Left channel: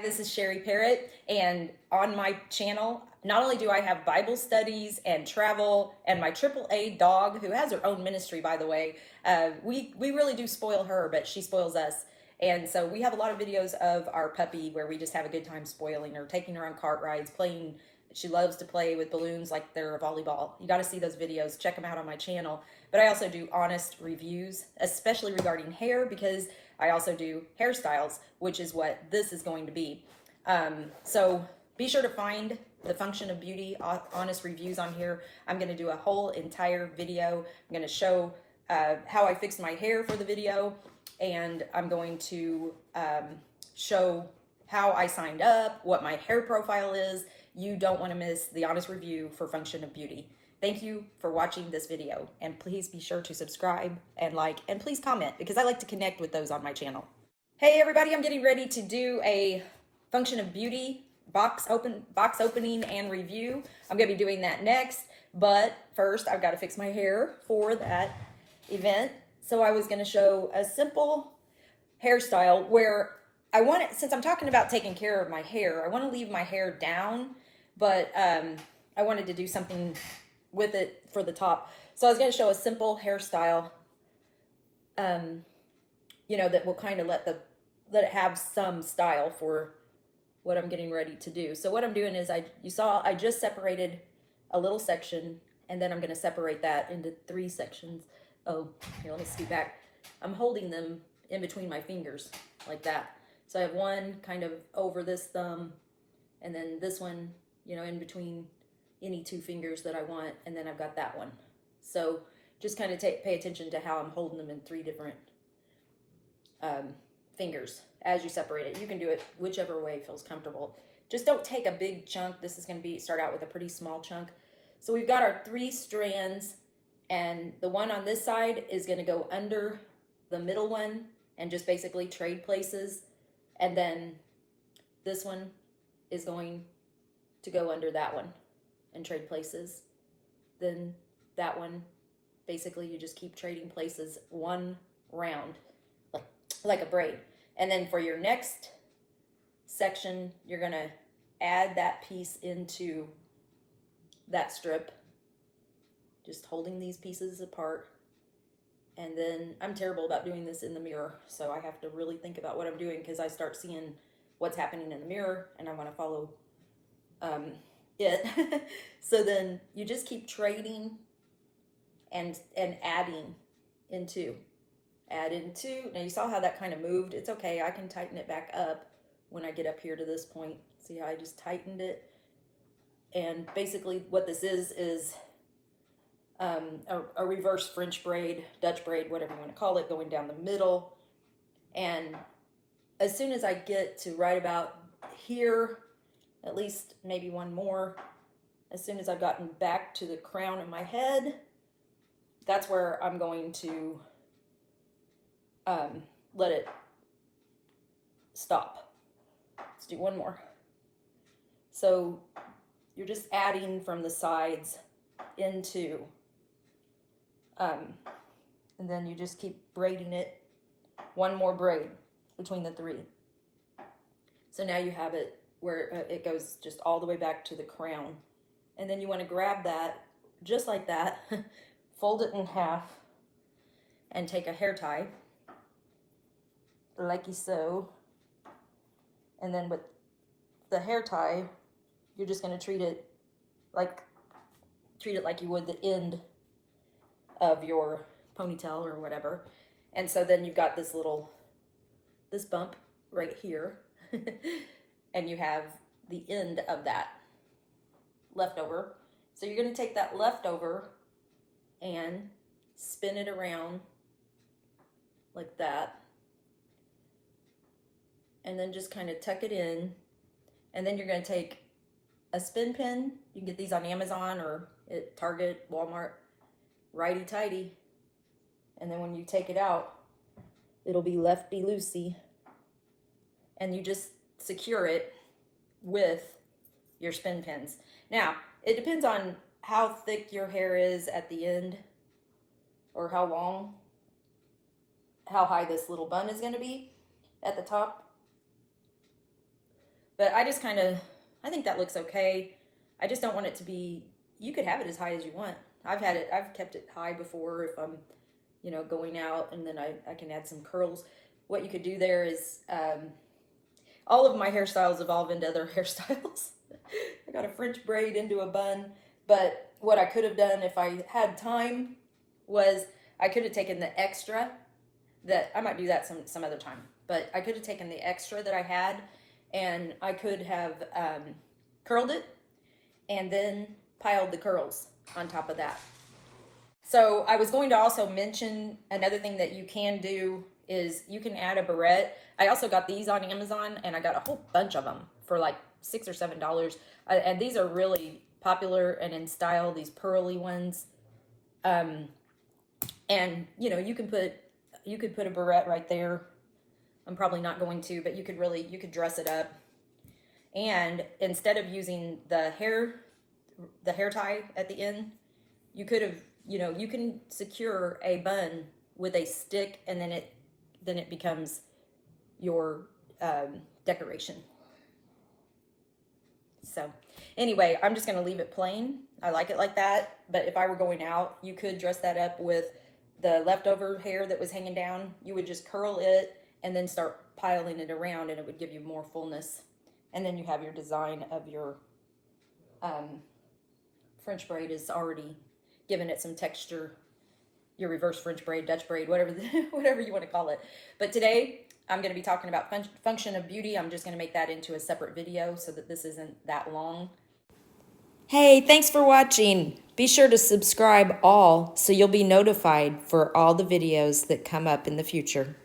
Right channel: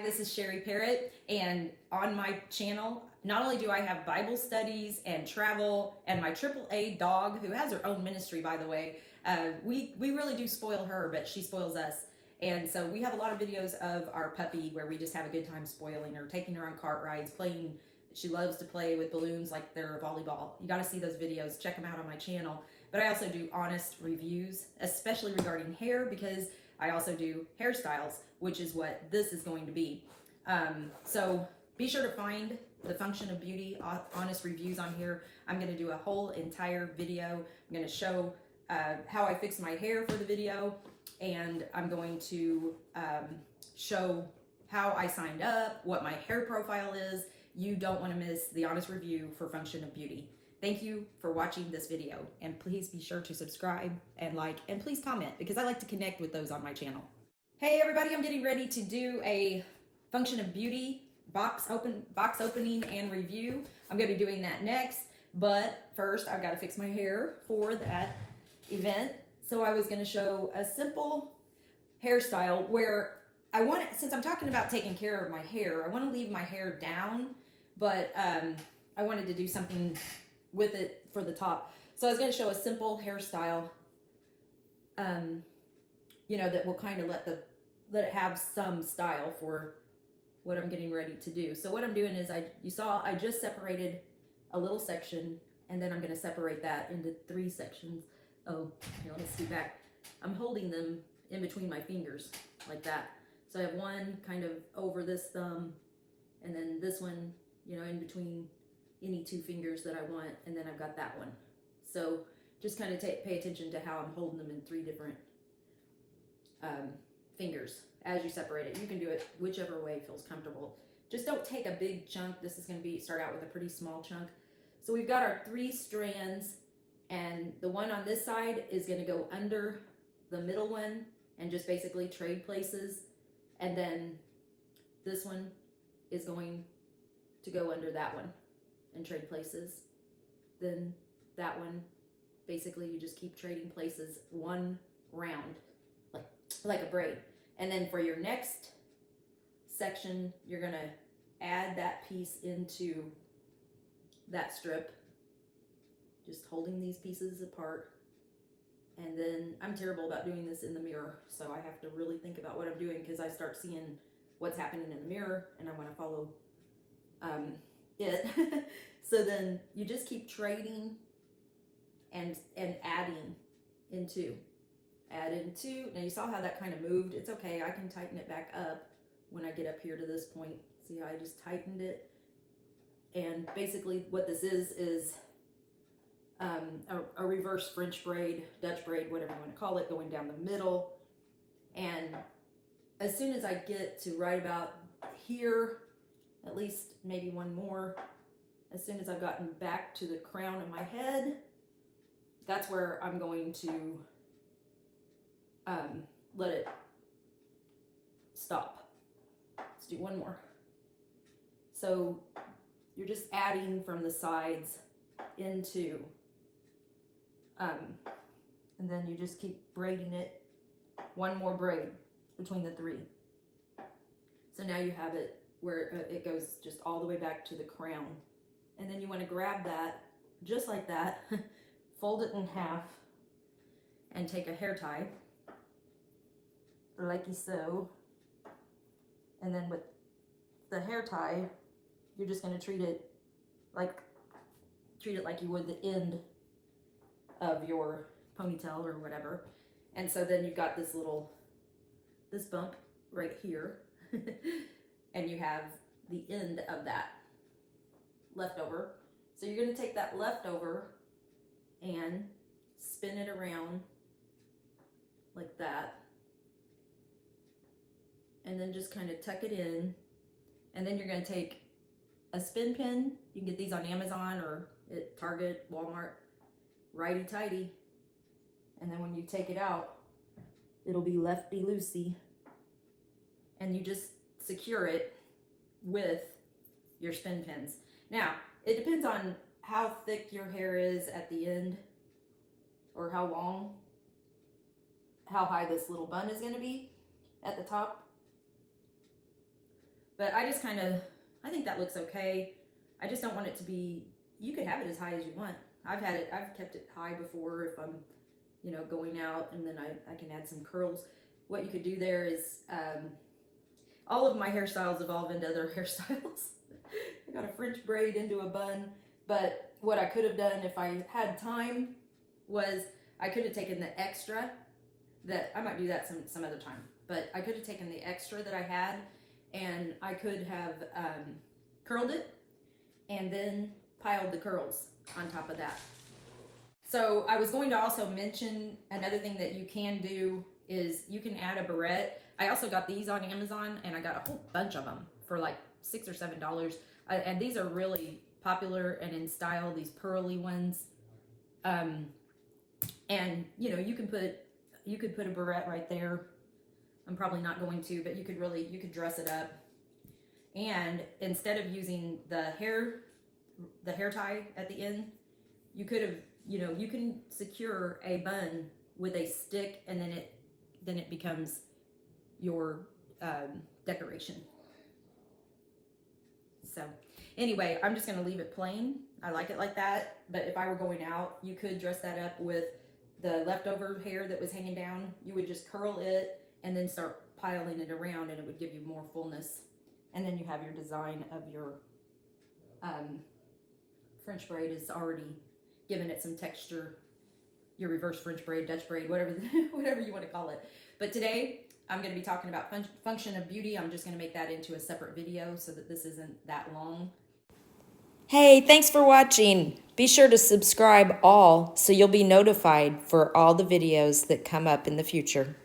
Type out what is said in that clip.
Hi, this is Sherry Parrott, and on my channel, not only do I have Bible studies and travel, and my AAA dog, who has her own ministry, by the way, we really do spoil her, but she spoils us. And so we have a lot of videos of our puppy where we just have a good time spoiling her, taking her on cart rides, playing. She loves to play with balloons like they're a volleyball. You got to see those videos. Check them out on my channel. But I also do honest reviews, especially regarding hair, because I also do hairstyles, which is what this is going to be. So be sure to find the Function of Beauty honest reviews on here. I'm going to do a whole entire video. I'm going to show how I fixed my hair for the video, and I'm going to show how I signed up, what my hair profile is. You don't want to miss the honest review for Function of Beauty. Thank you for watching this video, and please be sure to subscribe and like, and please comment, because I like to connect with those on my channel. Hey everybody, I'm getting ready to do a Function of Beauty box opening and review. I'm gonna be doing that next, but first I've got to fix my hair for that event. So I was gonna show a simple hairstyle where I want it, since I'm talking about taking care of my hair, I want to leave my hair down, but I wanted to do something with it for the top. So I was going to show a simple hairstyle, you know, that will kind of let it have some style for what I'm getting ready to do. So what I'm doing is you saw I just separated a little section, and then I'm going to separate that into 3 sections. Oh, here, let me scoot back. I'm holding them in between my fingers like that. So I have one kind of over this thumb, and then this one, you know, in between any 2 fingers that I want, and then I've got that one. So just kind of pay attention to how I'm holding them in 3 different fingers as you separate it. You can do it whichever way feels comfortable. Just don't take a big chunk. This is going to start out with a pretty small chunk. So we've got our 3 strands, and the one on this side is going to go under the middle one and just basically trade places. And then this one is going to go under that one and trade places. Then that one, basically you just keep trading places one round, like a braid. And then for your next section, you're gonna add that piece into that strip, just holding these pieces apart. And then I'm terrible about doing this in the mirror, so I have to really think about what I'm doing, because I start seeing what's happening in the mirror and I want to follow it. So then you just keep trading and adding into. Add into. Now you saw how that kind of moved. It's okay, I can tighten it back up when I get up here to this point. See how I just tightened it? And basically what this is a reverse French braid, Dutch braid, whatever you want to call it, going down the middle. And as soon as I get to right about here, at least maybe one more, as soon as I've gotten back to the crown of my head, that's where I'm going to let it stop. Let's do one more. So you're just adding from the sides into, and then you just keep braiding it, one more braid between the 3. So now you have it where it goes just all the way back to the crown. And then you want to grab that just like that, fold it in half, and take a hair tie, like so. And then with the hair tie, you're just going to treat it like you would the end of your ponytail or whatever. And so then you've got this bump right here, and you have the end of that leftover. So you're going to take that leftover and spin it around like that, and then just kind of tuck it in. And then you're going to take a spin pin. You can get these on Amazon or at Target, Walmart, righty-tighty. And then when you take it out, it'll be lefty-loosey. And you just secure it with your spin pins. Now, it depends on how thick your hair is at the end, or how long, how high this little bun is going to be at the top. But I just I think that looks okay. I just don't want it to be, you could have it as high as you want. I've kept it high before if I'm, going out, and then I can add some curls. What you could do there is, all of my hairstyles evolve into other hairstyles. I got a French braid into a bun, but what I could have done if I had time was I could have taken the extra that, I might do that some other time, but I could have taken the extra that I had, and I could have curled it and then piled the curls on top of that. So I was going to also mention another thing that you can do is you can add a barrette. I also got these on Amazon, and I got a whole bunch of them for like $6 or $7. And these are really popular and in style, these pearly ones. And you could put a barrette right there. I'm probably not going to, but you could dress it up. And instead of using the hair tie at the end, you could have, you can secure a bun with a stick, and then it becomes your decoration. So anyway, I'm just going to leave it plain. I like it like that. But if I were going out, you could dress that up with the leftover hair that was hanging down. You would just curl it and then start piling it around, and it would give you more fullness. And then you have your design of your French braid is already given it some texture. Your reverse French braid, Dutch braid, whatever you want to call it. But today I'm going to be talking about function of beauty. I'm just going to make that into a separate video so that this isn't that long. Hey, thanks for watching. Be sure to subscribe all so you'll be notified for all the videos that come up in the future.